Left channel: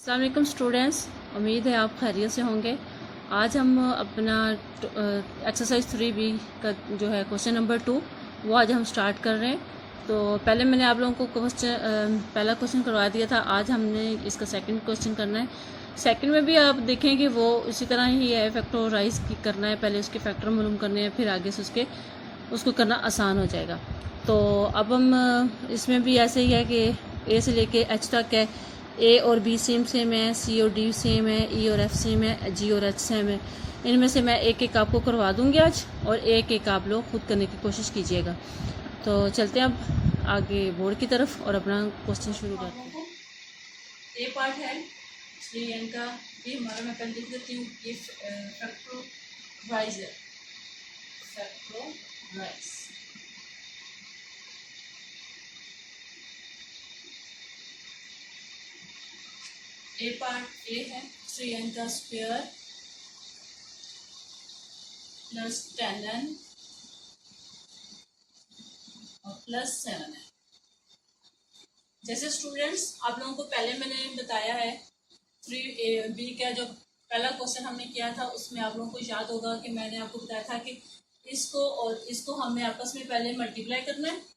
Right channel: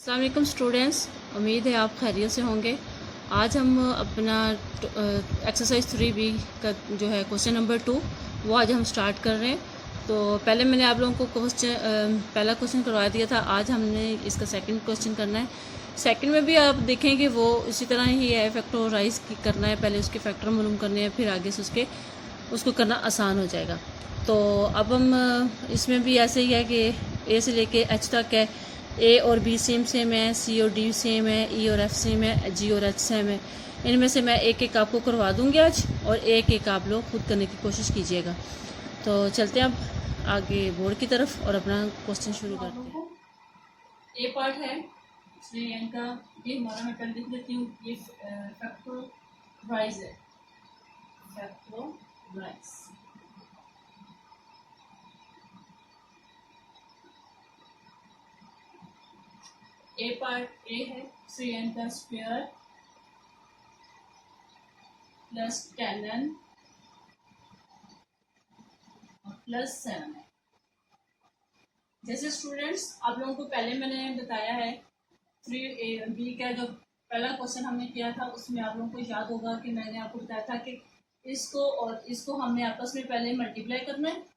अस्सलाम वालेकुम स्टूडेंट्स, उम्मीद है आप खैरियत से होंगे। आज हम अपना एक्सरसाइज 3B का जो है क्वेश्चन नंबर 2 वो आज हम स्टार्ट कर रहे हैं। तो पहले मैंने आप लोगों को पहला क्वेश्चन करवा दिया था। आज हमने इसका सेकंड क्वेश्चन करना है। सेकंड में भी आप देखेंगे वो उसी तरह ही है, फैक्टराइज करना है। पहले उसके फैक्टर मालूम करने हैं, फिर आगे से उसको करना आसान हो जाएगा। तो अब हम इसमें भी ऐसे ही है कि ए से लेके एच तक है। ए और बी सेम है, सी और डी सेम है, ई और एफ सेम है, जी और एच सेम है। इनमें से मैं एक एक आपको करवा दूंगी आज, और एक एक आप लोग खुद करने की कोशिश कीजिएगा। तो चलते हैं अब आगे बोर्ड की तरफ और अपना क्वेश्चन शुरू करते हैं। ए पार्ट है इसलिए इनका ये हमारा, मैं पहले लिख देती हूँ, ये फैक्टराइज है, फैक्टराइज। ए पार्ट ए है 3n का स्क्वायर प्लस 10n और प्लस 7 है। जैसे स्टूडेंट्स आप लोगों को पहले मैंने बताया है 3b का जो पहला क्वेश्चन हमने किया था, उसमें आप लोगों को याद होगा कि मैंने आपको बताया था कि इसको और इसको हमने आपस में पहले मल्टीप्लाई करना है।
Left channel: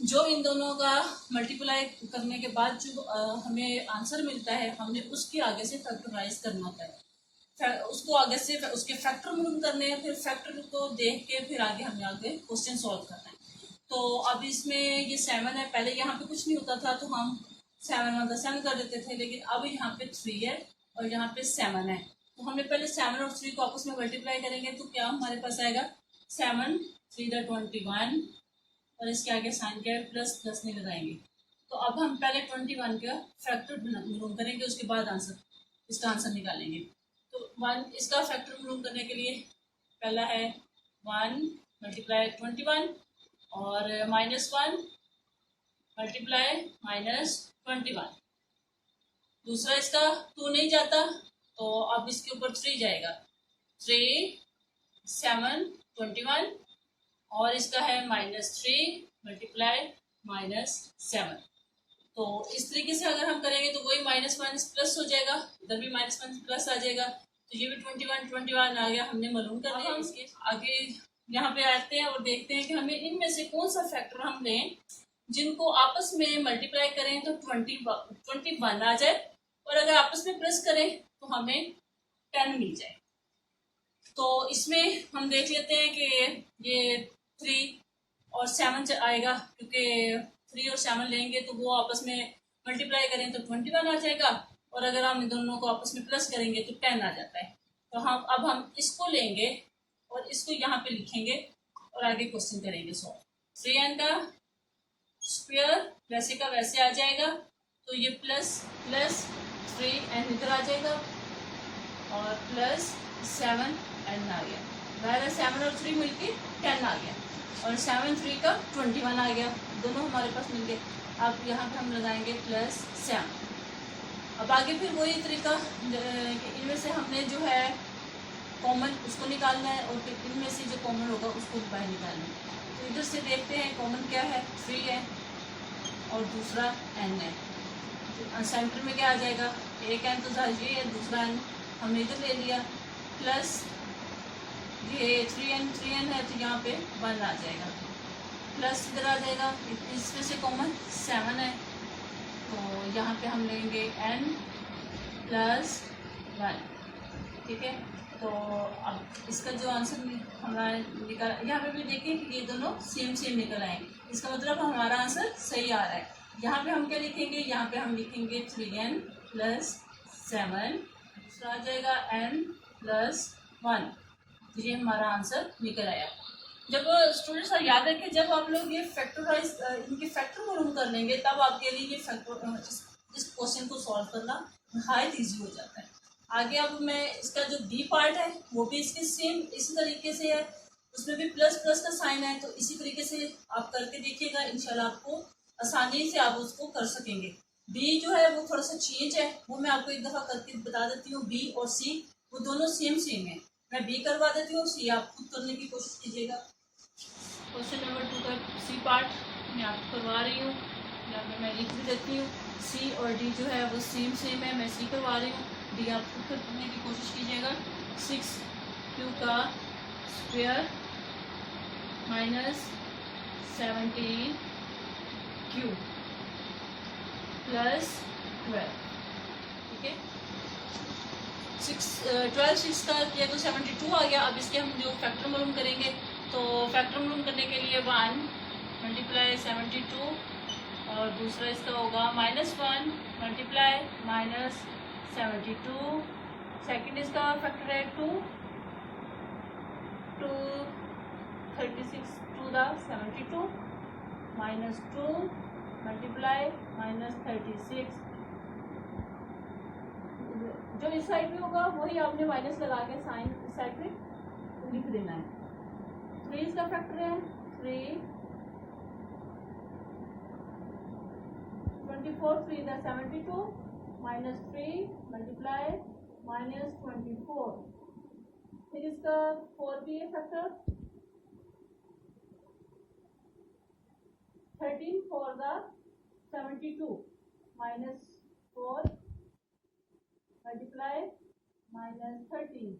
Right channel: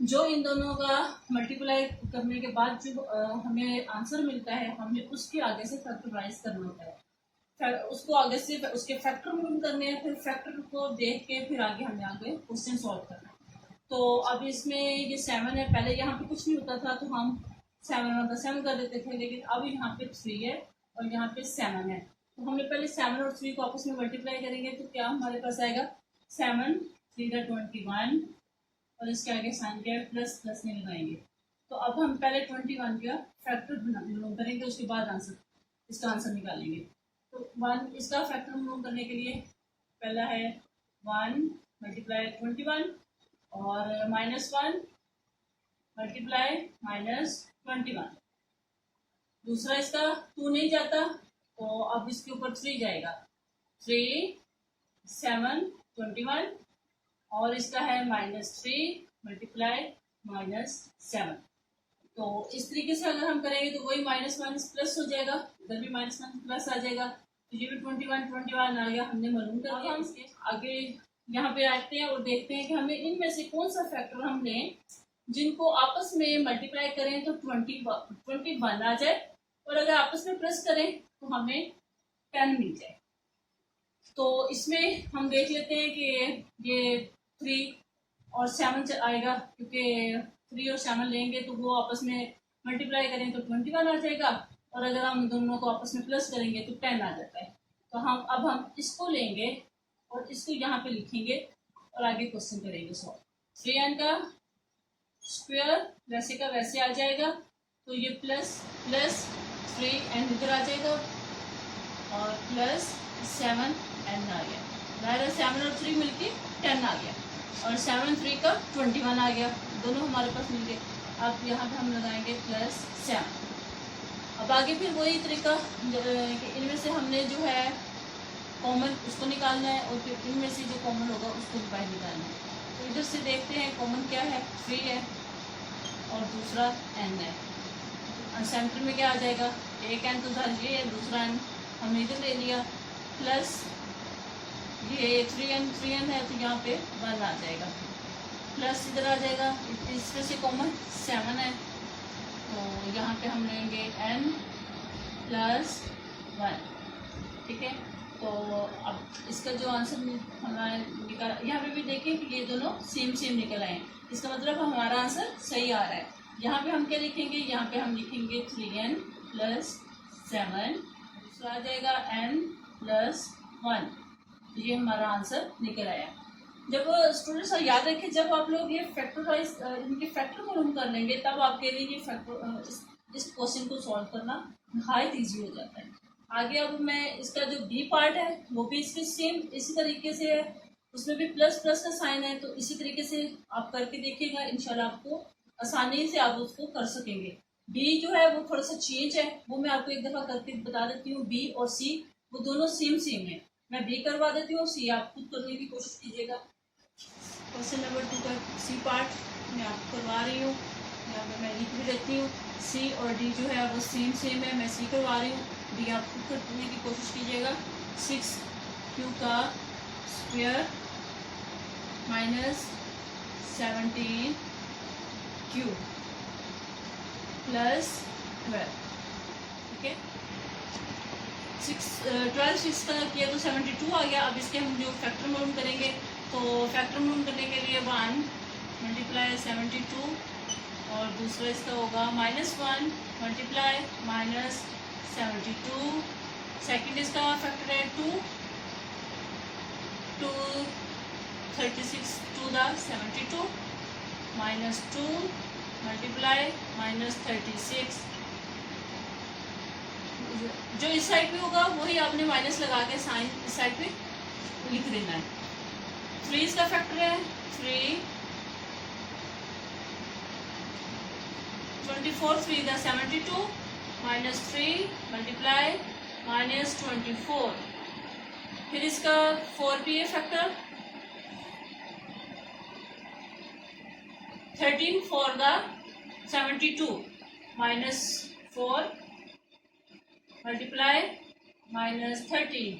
जो इन दोनों का मल्टीप्लाई करने के बाद जो हमें आंसर मिलता है, हमने उसके आगे से फैक्टराइज करना होता है। उसको आगे से उसके फैक्टर मालूम करने हैं, फिर फैक्टर को देख के फिर आगे हमें क्वेश्चन सॉल्व करना है। तो अब इसमें ये 7 है, पहले यहाँ पे कुछ नहीं होता था तो हम 7 कर देते थे, लेकिन अब यहाँ पे 3 है और यहाँ पे 7 है। तो हमने पहले 7 और 3 को आपस में मल्टीप्लाई करेंगे तो क्या हमारे पास आएगा 7 3 21, और इसके आगे साइन क्या है, प्लस प्लस नहीं लगाएंगे। तो अब हम पहले 21 का फैक्टर मालूम करेंगे, उसके बाद इसका आंसर निकालेंगे। तो 1 इसका फैक्टर मालूम करने के लिए पहला है 1 मल्टीप्लाई 21 और -1 मल्टीप्लाई -21। दूसरा इसका 2 नहीं जाता तो अब इसके ऊपर 3 जाएगा, 3 7 21 और इसका है -3 मल्टीप्लाई -7। तो इस तरीके से अगर हम करेंगे तो वही माइनस माइनस प्लस हो जाएगा, इधर भी माइनस माइनस प्लस आ जाएगा। तो ये भी 21 आ गया, हमने मालूम कर लिया। इसके आगे यहाँ पे आते हैं और देखते हैं कि हमें इनमें से कौन सा फैक्टर हम लें जिनको आपस में मल्टीप्लाई करें तो 21 आ जाए, और अगर आपस में प्लस करें तो हमें 10 मिल जाए। तो इसमें हम देख लेते हैं कि ये 3 और 7 आएगा, क्योंकि 3 और 7 लेंगे तो वो आपस में मल्टीप्लाई करें तो 21 आ जाएगा, और अगर हम इन दोनों को आपस में प्लस करेंगे तो 10 आ जाता है। तो हम इसको लेंगे और इसको यहाँ पे लिखेंगे और आगे क्वेश्चन करेंगे सॉल्व। 3n का स्क्वायर वैसे का वैसे आ जाएगा, तो ये प्लस प्लस 3n इधर आ जाएगा और प्लस 7n आ गया, बराबर 7 और 3 मिलके 10 आ गया, और 7 3 का 21 आ गया, दोनों हमारे पास मिल गए। अब यहाँ पे हम लगाएंगे प्लस 7। अब आगे फिर वही तरीका, इनमें से हमने जो है कॉमन उसको निकालना है, और फिर इनमें से जो कॉमन होगा उसको बाहर निकालना है। तो इधर से देखते हैं कॉमन क्या है, 3 है और दूसरा n है। तो सेंटर में क्या आ जाएगा, एक n तो ये है, दूसरा n हमने इधर ले लिया, प्लस ये 3n है तो यहाँ पे 1 आ जाएगा, प्लस इधर आ जाएगा, इसमें से कॉमन 7 है तो यहाँ पे हम लेंगे n प्लस 1, ठीक है। तो अब इसका जो आंसर हमारा निकल, यहाँ पे भी देखें कि ये दोनों सेम निकल आए, इसका मतलब हमारा आंसर सही आ रहा है। यहाँ पे हम क्या लिखेंगे, यहाँ पे हम लिखेंगे 3n प्लस 7, दूसरा आ जाएगा n प्लस 1, तो ये हमारा आंसर निकल आया। जब स्टूडेंट्स याद रखें, जब आप लोग ये फैक्टराइज इनके फैक्टर मालूम कर लेंगे तब आपके लिए ये फैक्टर इस क्वेश्चन को सॉल्व करना नहायत ईजी हो जाता है। आगे अब मैं इसका जो बी पार्ट है वो भी इसके सेम इसी तरीके से है, उसमें भी प्लस प्लस का साइन है, तो इसी तरीके से आप करके देखिएगा, इंशाल्लाह आपको आसानी से आप उसको कर सकेंगे। बी जो है वो थोड़ा सा चेंज है, वो मैं आपको एक दफ़ा करके बता देती हूँ। बी और सी वो दोनों सेम है, मैं बी करवा देती हूँ, सी आप खुद करने की कोशिश कीजिएगा। क्वेश्चन नंबर 2 का सी पार्ट मैं आपको करवा रही हूँ, यहाँ पे मैं लिख भी देती हूँ। सी और डी जो है वो सेम है, मैं सी करवा रही हूँ, डी आप खुद करने की कोशिश कीजिएगा। 6q का स्क्वायर माइनस 17q प्लस 12, ठीक है। 12 6 का किया तो 72 आ गया। अब इसके हम जो फैक्टर मालूम करेंगे, तो फैक्टर मालूम करने के लिए 1 मल्टीप्लाई 72 और दूसरा इसका होगा -1 मल्टीप्लाई -72। सेकंड इसका फैक्टर है 2 36 टू द 72 -2 मल्टीप्लाई -36। जो इस साइड पे होगा वही आपने माइनस लगा के साइन इस साइड पे लिख देना है। 3 इसका फैक्टर है 3 24 3 का 72 -3 मल्टीप्लाई -24। फिर इसका 4 भी है फैक्टर 13 4 का 72 -4 मल्टीप्लाई -13।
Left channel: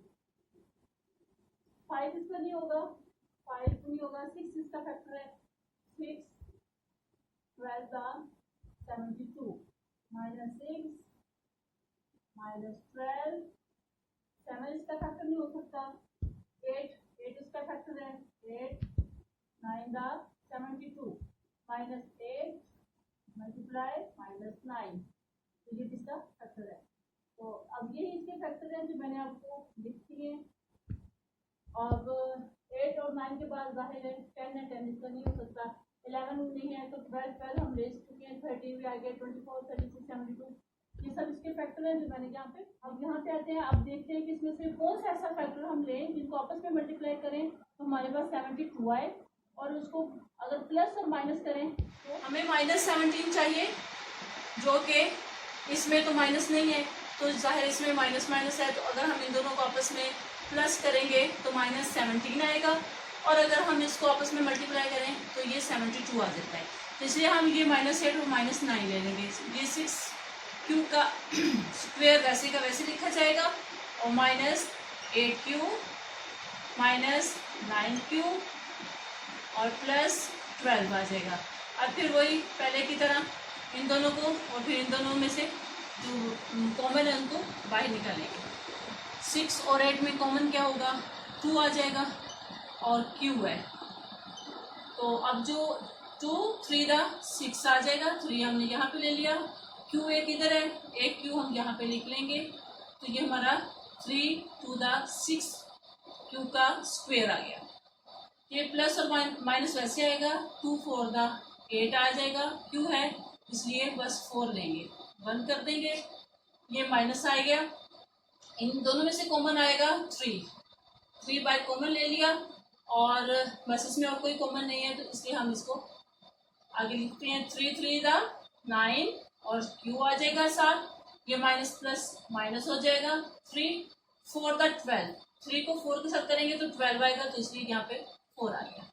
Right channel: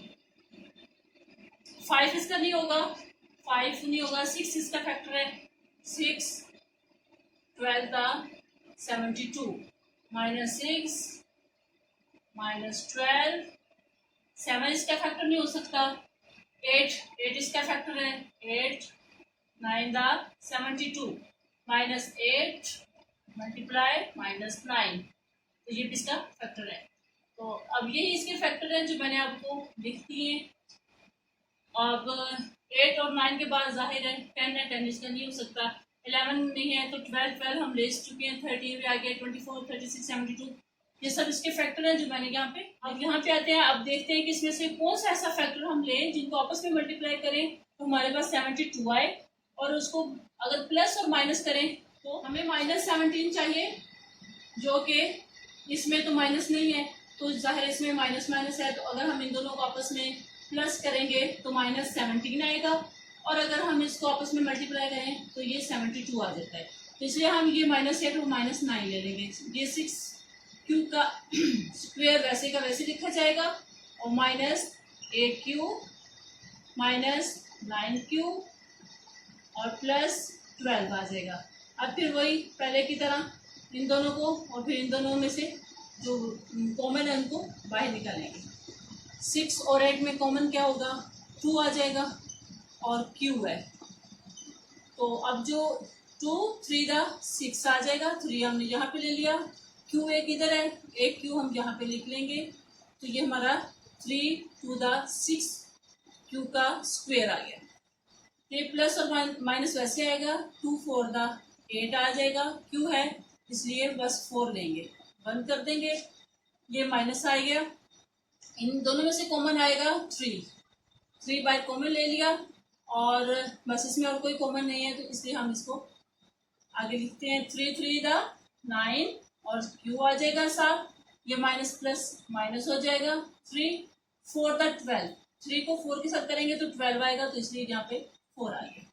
5 इसका नहीं होगा, 5 नहीं होगा। 6 इसका फैक्टर है 6 12 का 72 -6 -12। 7 इसका फैक्टर नहीं हो सकता। 8 इसका फैक्टर है 8 9 का 72 -8 मल्टीप्लाई -9। तो ये भी इसका फैक्टर है। तो अब यही इसके फैक्टर हैं जो मैंने आपको लिख दिए। अब 8 और 9 के बाद जाहिर है 10 है, 10 इसका नहीं हो सकता। 11 नहीं है तो 12 हम ले चुके हैं। 13 भी आ गया, 24 36 72, ये सब इसके फैक्टर हैं जो मैंने यहाँ पे। अब यहाँ पे आते हैं, अब देखते हैं कि इसमें से कौन सा ऐसा फैक्टर हम लें जिनको आपस में मल्टीप्लाई करें तो हमारे पास 72 आए, और उसको अगर प्लस और माइनस करें तो हमें -17 चाहिए, जो कि इसमें तो माइनस नहीं है तो जाहिर इसमें माइनस माइनस है। तो अगर हम इन दोनों को आपस में प्लस करेंगे तो -17 आएगा, और अगर हम इसको आपस में मल्टीप्लाई करें तो ये 72 आ जाता है। तो इसलिए हम ये -8 और -9 ले लेंगे। ये 6q का स्क्वायर वैसे का वैसे लिखा जाएगा, और -8q -9q और +12 आ जाएगा। अब फिर वही पहले की तरह इन दोनों को और फिर इन दोनों में से जो कॉमन है उनको बाहर निकालेंगे। 6 और 8 में कॉमन क्या होगा, 2 आ जाएगा, और q है तो अब जो 2 3 दा 6 आ जाएगा। 3 हमने यहाँ पे ले लिया, q एक इधर है, 8q हम यहाँ पे लिख लेंगे। तो ये हमारा 3 2 दा 6 q का स्क्वायर आ गया। ये प्लस और माइनस वैसे आएगा, 2 4 दा 8 आ जाएगा। q है इसलिए बस 4 लेंगे, 1 कर देंगे, ये माइनस आ गया। इन दोनों में से कॉमन आएगा 3 बाय कॉमन ले लिया, और बस इसमें और कोई कॉमन नहीं है तो इसलिए हम इसको आगे लिखते हैं। 3 3 दा 9 और q आ जाएगा 7, ये माइनस प्लस माइनस हो जाएगा। 3 4 दा 12, 3 को 4 के साथ करेंगे तो 12 आएगा, तो इसलिए यहाँ पे 4 आ गया।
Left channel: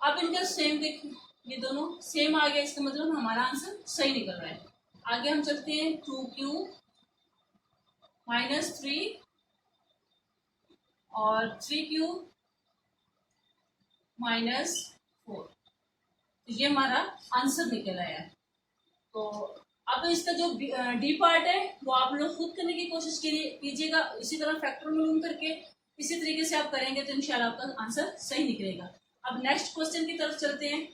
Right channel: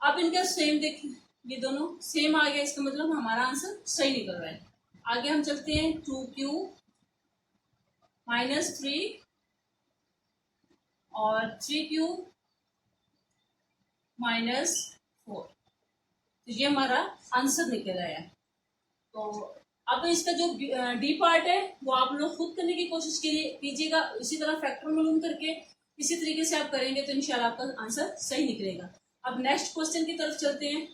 अब इनका सेम देख, ये दोनों सेम आ गया, इसका मतलब हमारा आंसर सही निकल रहा है। आगे हम चलते हैं 2q -3 और 3q -4, तो ये हमारा आंसर निकल आया। तो अब इसका जो डी पार्ट है वो आप लोग खुद करने की कोशिश कीजिएगा, इसी तरह फैक्टर मालूम करके इसी तरीके से आप करेंगे तो इंशाल्लाह आपका आंसर सही निकलेगा। अब नेक्स्ट क्वेश्चन की तरफ चलते हैं।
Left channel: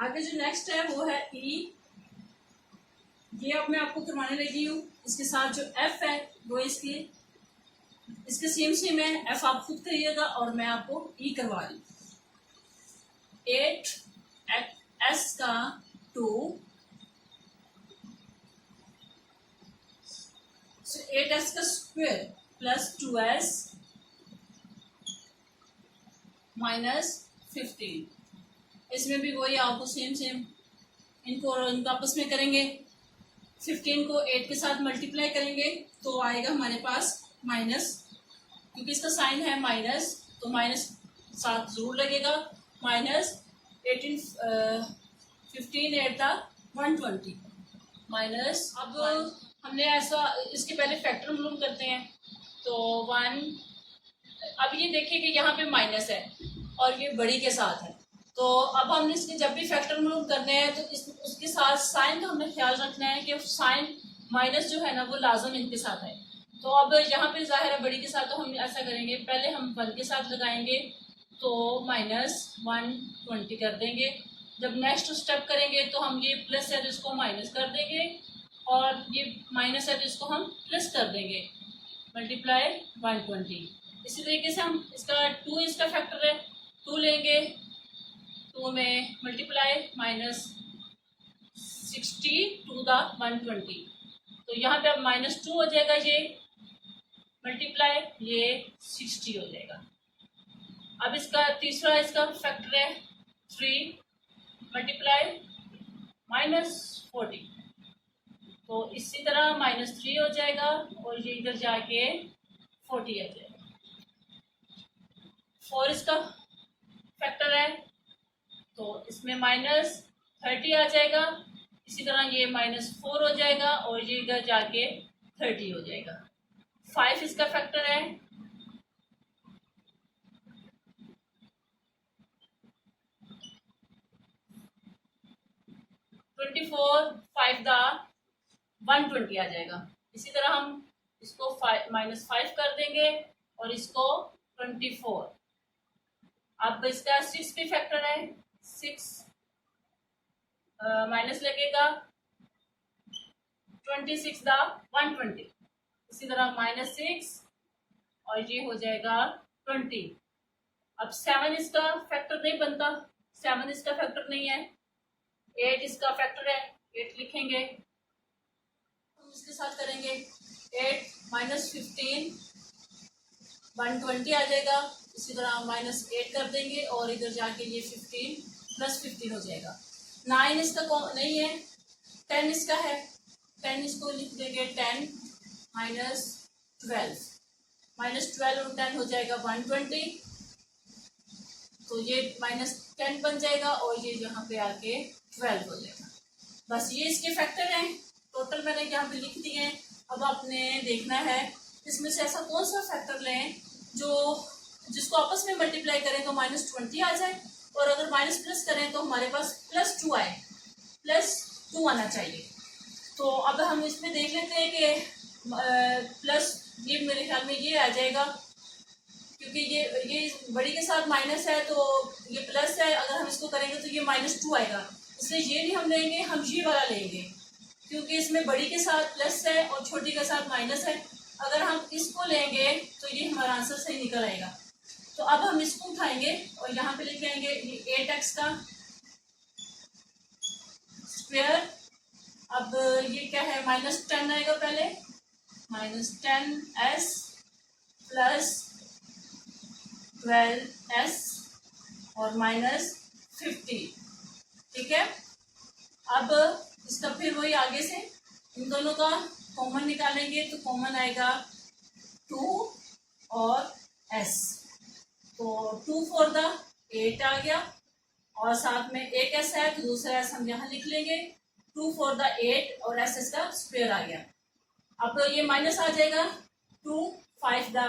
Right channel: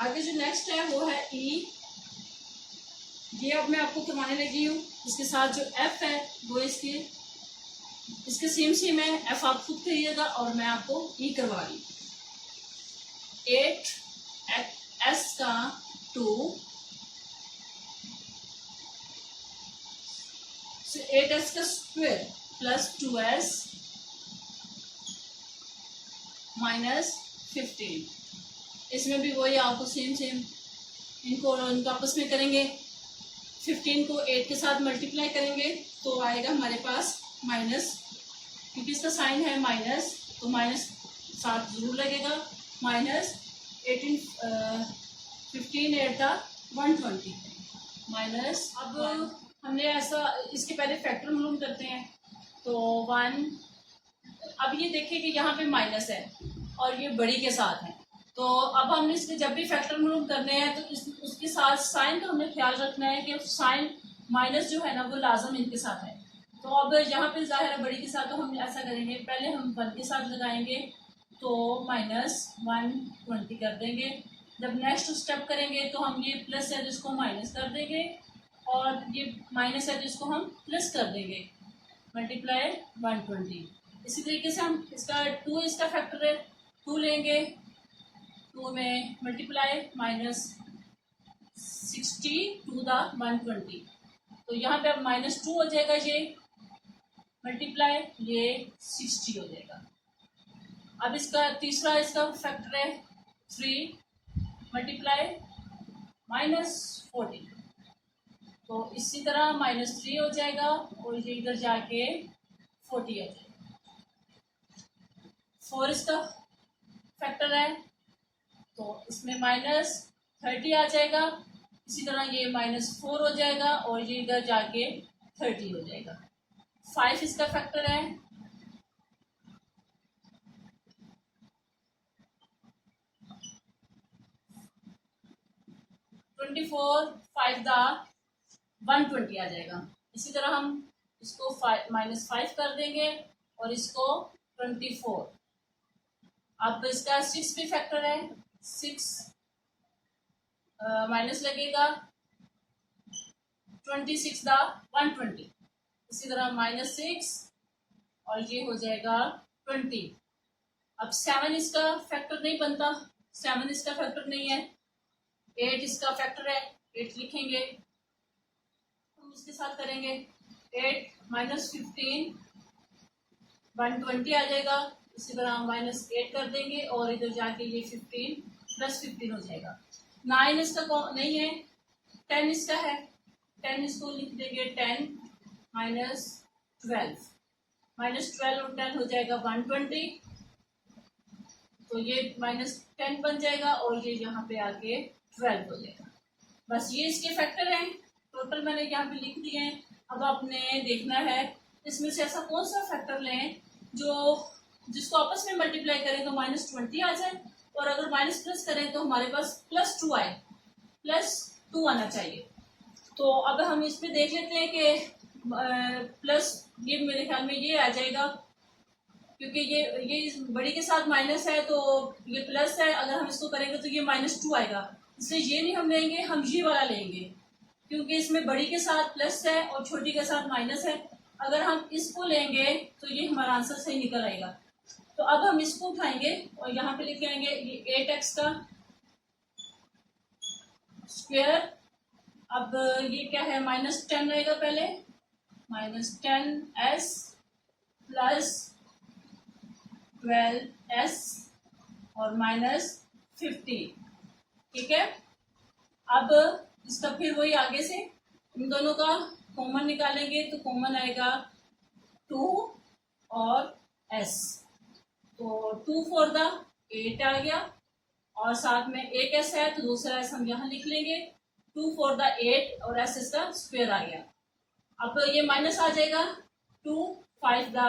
आगे जो नेक्स्ट है वो है ई, ये अब मैं आपको करवाने लगी हूँ। इसके साथ जो एफ है वो इसके सेम है, एफ आप खुद करिएगा और मैं आपको ई करवा रही हूँ। 8s का 2, 8s का स्क्वायर प्लस 2s -15। इसमें भी वही आपको सेम इनको आपस में करेंगे। 15 को 8 के साथ मल्टीप्लाई करेंगे तो आएगा हमारे पास माइनस, क्योंकि इसका साइन है माइनस तो माइनस साथ जरूर लगेगा। -18 15 8 था 120 माइनस, अब हमने ऐसा इसके पहले फैक्टर मालूम करते हैं तो 1, अब ये देखिए कि यहाँ पे माइनस है और ये बड़ी के साथ है, तो अब हमने इसके जब भी फैक्टर मालूम करने हैं तो उसके साथ साइन का हमें ख्याल रखना है कि साइन माइनस जो है ना वो लाजम इनके साथ है। तो अब यहाँ पे जाहिर है बड़ी के साथ, तो हम ऐसा करेंगे, पहले हम 1 के साथ लगाएंगे तो माइनस 120 कर देंगे। जब नेक्स्ट स्टेप करेंगे तो हम ये प्लस है तो इसको माइनस कर देंगे और ये माइनस है तो इसको हम प्लस कर देंगे, मल्टीप्लाई 120। इसी तरीके से हम इसका 2 इसका फैक्टर है, 2 लेंगे, 2 में मल्टीप्लाई माइनस 60 टू द 120, तो यहाँ पे अब -2 हो जाएगा, ये मल्टीप्लाई ये 60 हो जाएगा। अब इसका तीसरा इसका फैक्टर है 3 मल्टीप्लाई -40, तो इसी तरह -3 हो जाएगा और ये इधर जाके 40 आ जाएगा। 4 इसका फैक्टर है तो इसमें -30 आ जाएगा, इसी तरह ये -4 हो जाएगा और ये इधर जाके 30 हो जाएगा। 5 इसका फैक्टर है -24 5 दा 120 आ जाएगा। इसी तरह हम इसको -5 कर देंगे और इसको 24। अब इसका 6 भी फैक्टर है, 6 माइनस लगेगा 26 दा 120, इसी तरह -6 और ये हो जाएगा 20। अब 7 इसका फैक्टर नहीं बनता, 7 इसका फैक्टर नहीं है। 8 इसका फैक्टर है, 8 लिखेंगे, हम इसके साथ करेंगे 8 -15 120 आ जाएगा, इसी तरह -8 कर देंगे और इधर जाके ये 15 +15 हो जाएगा। 9 इसका नहीं है, 10 इसका है, 10 इसको लिख देंगे 10 -12 -12 और 10 हो जाएगा 120, तो ये -10 बन जाएगा और ये यहाँ पे आके 12 हो जाएगा। बस ये इसके फैक्टर हैं, टोटल मैंने यहाँ पे लिख दिए हैं। अब आपने देखना है इसमें से ऐसा कौन सा फैक्टर लें जिसको आपस में मल्टीप्लाई करें तो -20 आ जाए और अगर माइनस प्लस करें तो हमारे पास +2 आए, +2 आना चाहिए। तो अब हम इसमें देख लेते हैं कि प्लस ये मेरे ख्याल में ये आ जाएगा, क्योंकि ये बड़ी के साथ माइनस है तो ये प्लस है, अगर हम इसको करेंगे तो ये -2 आएगा, इसलिए ये नहीं हम लेंगे, हम ये वाला लेंगे, क्योंकि इसमें बड़ी के साथ प्लस है और छोटी के साथ माइनस है। अगर हम इसको लेंगे तो ये हमारा आंसर सही निकल आएगा। तो अब हम इसको उठाएंगे और यहाँ पे लेके आएंगे ये 8x का स्क्वायर। अब ये क्या है, -10 आएगा पहले, -10s प्लस 12s और -50, ठीक है। अब इसका फिर वही आगे से इन दोनों का कॉमन निकालेंगे तो कॉमन आएगा 2 और s, तो 2 4 दा 8 आ गया और साथ में एक s है तो दूसरा s हम यहाँ लिख लेंगे, 2 4 दा 8 और s इसका स्क्वायर आ गया। अब ये माइनस आ जाएगा 2 5 दा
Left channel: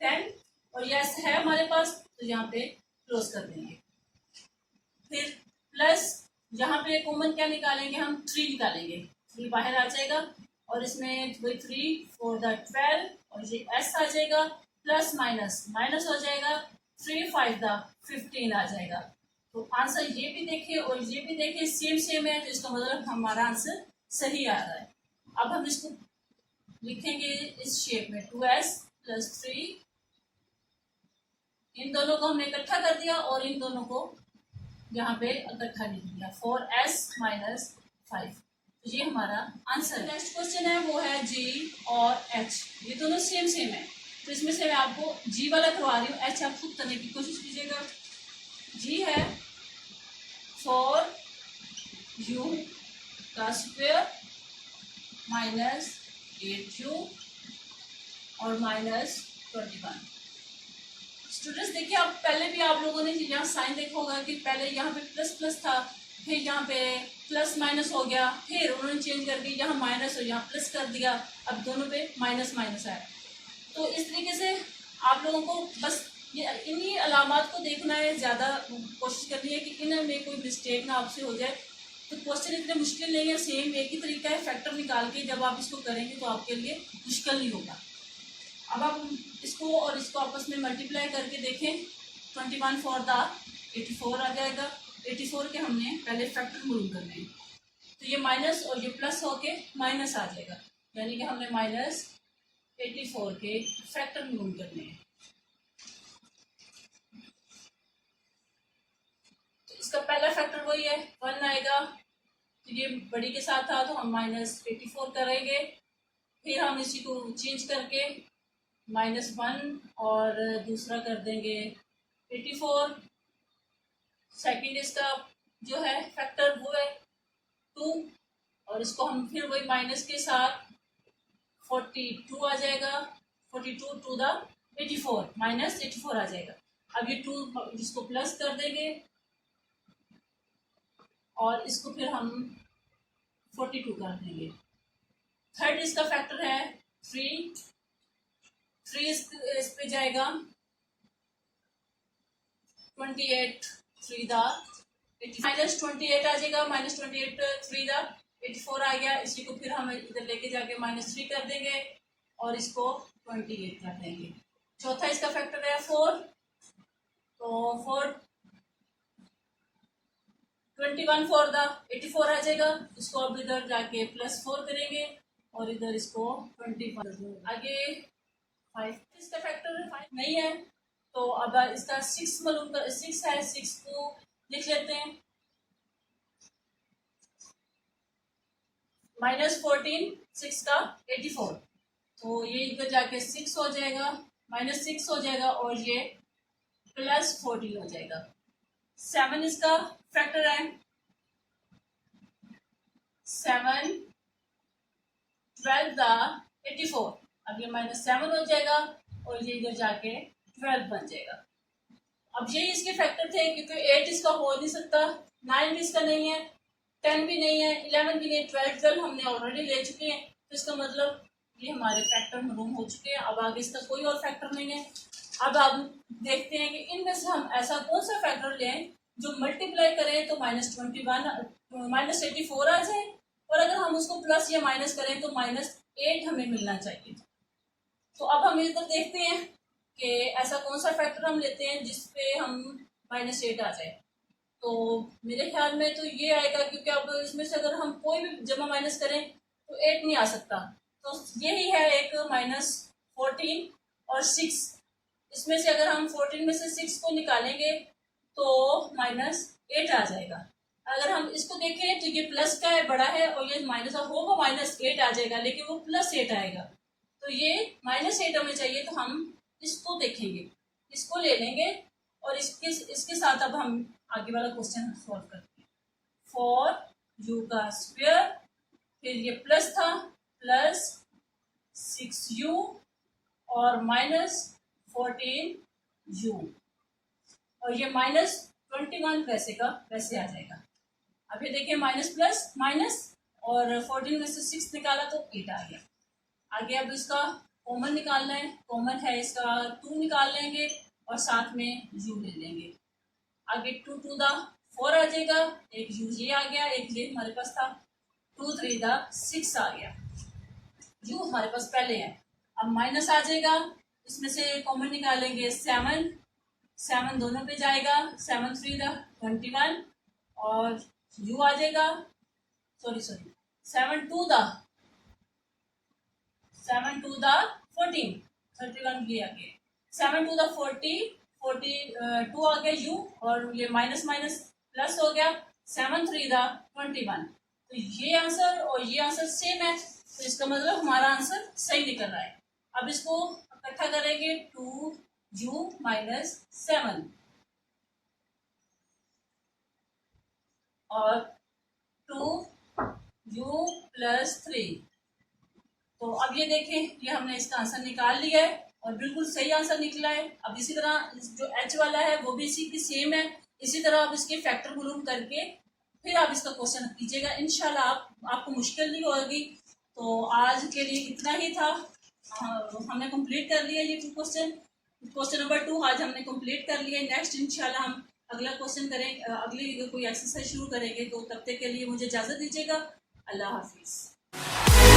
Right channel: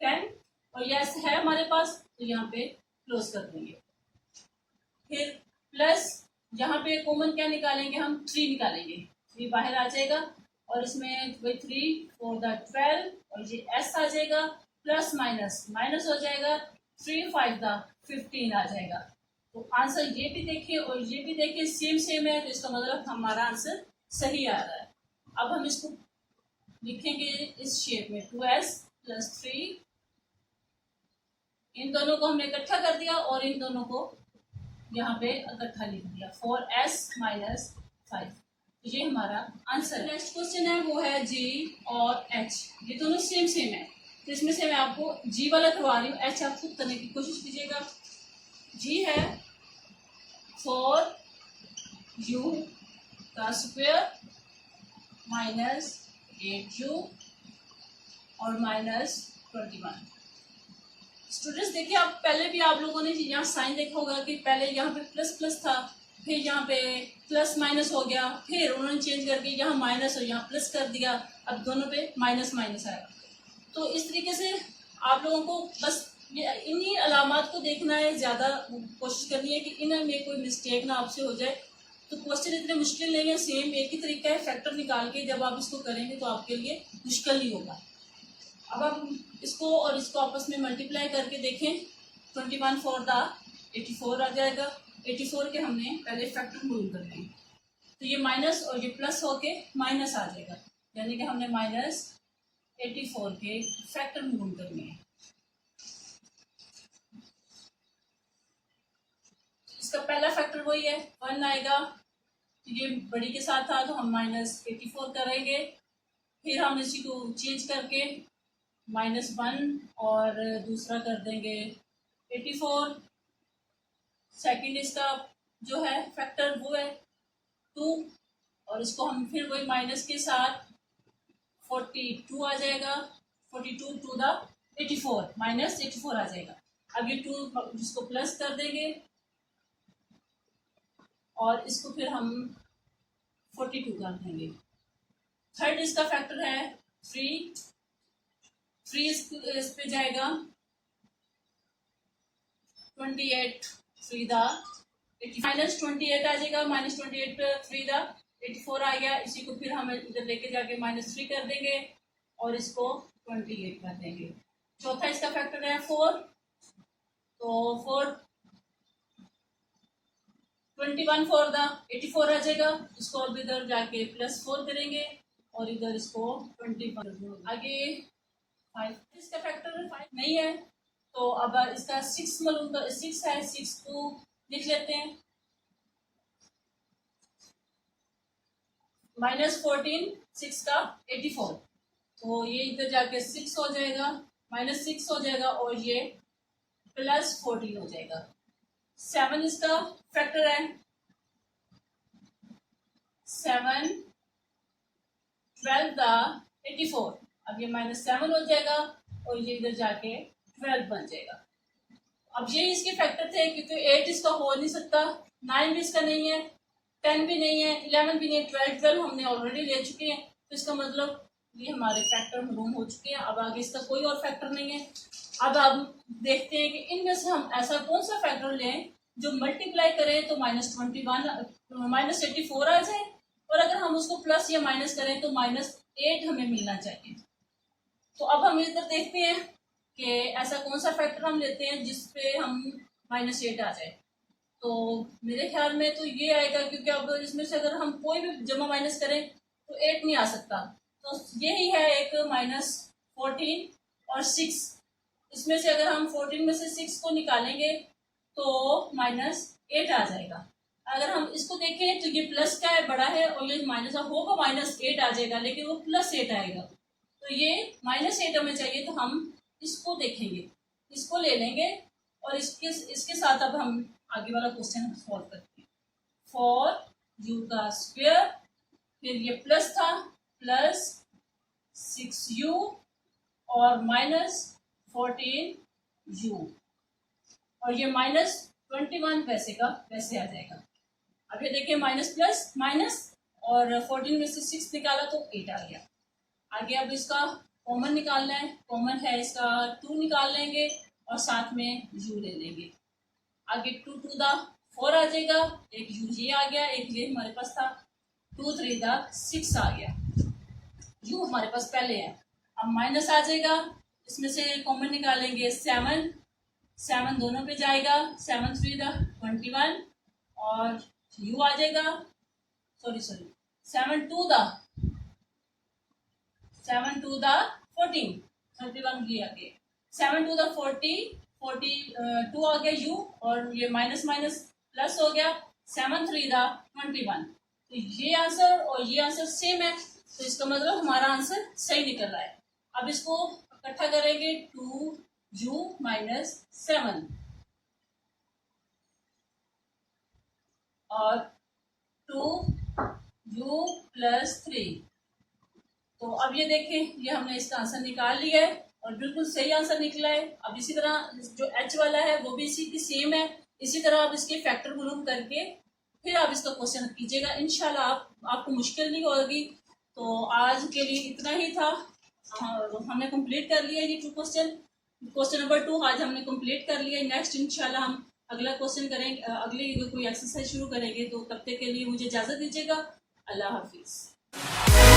10 और ये s है हमारे पास तो यहाँ पे क्लोज कर देंगे। फिर प्लस यहाँ पे कॉमन क्या निकालेंगे, हम 3 निकालेंगे, 3 बाहर आ जाएगा और इसमें 3 4 दा 12 और ये s आ जाएगा, प्लस माइनस माइनस हो जाएगा, 3 5 दा 15 आ जाएगा। तो आंसर ये भी देखिए और ये भी देखिए सेम है, तो इसका मतलब हमारा आंसर सही आ रहा है। अब हम इसको लिखेंगे इस शेप में 2s + 3, इन दोनों को हमने इकट्ठा कर दिया और इन दोनों को यहाँ पे इकट्ठा लिख दिया, 4s - 5, तो ये हमारा आंसर है। नेक्स्ट क्वेश्चन है वो है g और h, ये दोनों सेम है, तो इसमें से मैं आपको g वाला करवा रही हूँ, h आप खुद करने की कोशिश कीजिएगा। g है 4u का स्क्वायर -8u और -21। स्टूडेंट्स देखिए, आप पहले भी आप लोगों ने यहाँ साइन देखा होगा कि पहले यहाँ पे प्लस था, फिर यहाँ पे प्लस माइनस हो गया, फिर उन्होंने चेंज करके यहाँ माइनस और यहाँ प्लस कर दिया, अब दोनों पे माइनस माइनस आया। तो इस तरीके से आप लोगों को बस ये इन्हीं अलामात को देखना है, ज़्यादा कोशिश करनी है कि इनमें कोई मिस्टेक ना आपसे हो जाए। तो क्वेश्चन इतने मुश्किल नहीं है, सेम एक ही तरीका है, फैक्टर निकाल के जब आप इसको करेंगे तो आपके लिए मुश्किल नहीं होगा। अब आप इसको और इसको आपस में मल्टीप्लाई करके देखें, 21 फॉर द 84 आ जाएगा। 84 के हमने पहले फैक्टर मूव करने हैं, तो ये माइनस और ये प्लस होके माइनस आ जाएगा, यानी कि हमने माइनस 84 के फैक्टर मूव करने हैं। तो इसका पहला फैक्टर वही है 1 आएगा, तो ये बड़ी के साथ था तो हम माइनस 84 करेंगे, फिर हम इसी को चेंज करके -1 और दूसरा कर देंगे 84। सेकंड इसका जो है फैक्टर वो है 2, और इसको हम फिर वही माइनस के साथ 42 आ जाएगा, 42 टू द 84 माइनस 84 आ जाएगा। अब ये 2 इसको प्लस कर देंगे और इसको फिर हम 42 कर देंगे। थर्ड इसका फैक्टर है 3 इस पे जाएगा 28 3 द माइनस 28 आ जाएगा, माइनस 28 3 द 84 आ गया। इसी को फिर हम इधर लेके जाके -3 कर देंगे और इसको 28 कर देंगे। चौथा इसका फैक्टर है 4, तो 4 21 फॉर द 84 आ जाएगा, इसको अब इधर जाके +4 करेंगे और इधर इसको 21 आगे 5। इसका फैक्टर 5 नहीं है, तो अब इसका 6 मालूम कर 6 है, 6 को लिख लेते हैं। -14 6 का 84, तो ये इधर जाके 6 हो जाएगा, -6 हो जाएगा और ये +14 हो जाएगा। 7 इसका फैक्टर है, 7 12 द 84, अब ये -7 हो जाएगा और ये इधर जाके 12 बन जाएगा। अब ये इसके फैक्टर थे, क्योंकि 8 इसका हो नहीं सकता, 9 भी इसका नहीं है, 10 भी नहीं है, 11 भी नहीं है, 12 हमने ऑलरेडी ले चुके हैं, तो इसका मतलब ये हमारे फैक्टर मालूम हो चुके हैं। अब आगे इसका कोई और फैक्टर नहीं है। अब हम देखते हैं कि इनमें से हम ऐसा कौन सा फैक्टर लें जो मल्टीप्लाई करें तो -84 आ जाए, और अगर हम उसको प्लस या माइनस करें तो -8 हमें मिलना चाहिए। तो अब हम इधर देखते हैं कि ऐसा कौन सा फैक्टर हम लेते हैं जिसपे हम -8 आ जाए। तो मेरे ख्याल में तो ये आएगा, क्योंकि अब इसमें से अगर हम कोई भी जमा माइनस करें तो 8 नहीं आ सकता, तो यही है एक -14 और 6। इसमें से अगर हम 14 में से 6 को निकालेंगे तो -8 आ जाएगा। अगर हम इसको देखें तो ये प्लस का है, बड़ा है, और ये माइनस होगा, -8 आ जाएगा, लेकिन वो +8 आएगा, तो ये -8 हमें चाहिए, तो हम इसको देखेंगे, इसको ले लेंगे और इसके साथ अब हम आगे वाला क्वेश्चन सॉल्व करते हैं। 4u का स्क्वायर, फिर ये प्लस था, +6u और -14u, और ये -21 वैसे का वैसे आ जाएगा। अब ये देखिए माइनस प्लस माइनस, और 14 में से 6 निकाला तो 8 आ गया। आगे अब इसका कॉमन निकालना है, कॉमन है इसका 2 निकाल लेंगे और साथ में u ले लेंगे। आगे 2 टू द 4 आ जाएगा, एक u ये आ गया, एक ये हमारे पास था, 2 3 द 6 आ गया, u हमारे पास पहले है। अब माइनस आ जाएगा, इसमें से कॉमन निकालेंगे 7 दोनों पे जाएगा, 7 3 द 21 और u आ जाएगा, सॉरी 7 2 द 14 31 भी आ गया, 7 2 द 42 आ गया u, और ये माइनस माइनस प्लस हो गया, 7 3 द 21। तो ये आंसर और ये आंसर सेम है, तो इसका मतलब हमारा आंसर सही निकल रहा है। अब इसको इकट्ठा करेंगे, 2u - 7 और 2u + 3। तो अब ये देखें, ये हमने इसका आंसर निकाल लिया है और बिल्कुल सही आंसर निकला है। अब इसी तरह जो h वाला है वो भी इसी की सेम है, इसी तरह अब इसके फैक्टर मालूम करके फिर आप इसका क्वेश्चन कीजिएगा। इंशाल्लाह आपको मुश्किल नहीं होगी। तो आज के लिए इतना ही था। हमने कंप्लीट कर लिया ये 2 क्वेश्चन नंबर 2 आज हमने कंप्लीट कर लिया। नेक्स्ट इंशाल्लाह हम अगला क्वेश्चन करेंगे, अगली कोई एक्सरसाइज शुरू करेंगे। तो तब तक के लिए मुझे इजाज़त दीजिएगा। अल्लाह हाफिज़।